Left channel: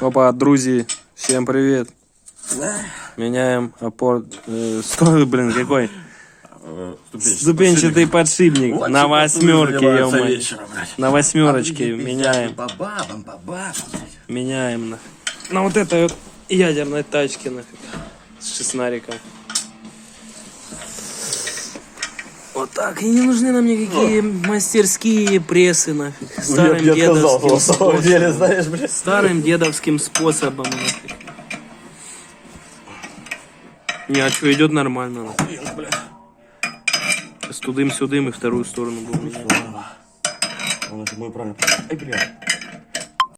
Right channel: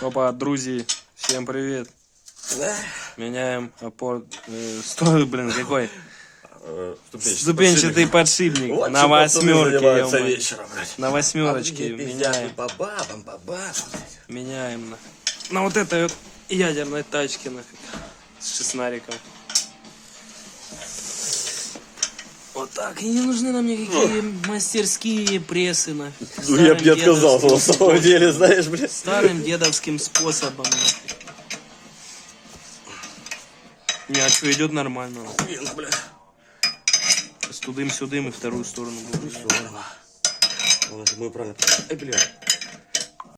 Опа, друзья, всем привет. Меняем опор... Стой, блин, какой? Ступенчатый подшипник. Вот на восьмерке, ё-моё. На восьмерочке меняем. Меняем на вот этой вот ядерной тачке нафиг. С шестнариком. Вот так. И не нужны нам никакие мастерские прессы нафиг. Старым я отказался, на самом деле, знаешь, блядь. Старым дедовским способом нафиг. Не, а что, идет нормально нафиг. С тудым-сюдым и вторую сторону будем менять. Вот это мой правильно. Ай, блядь.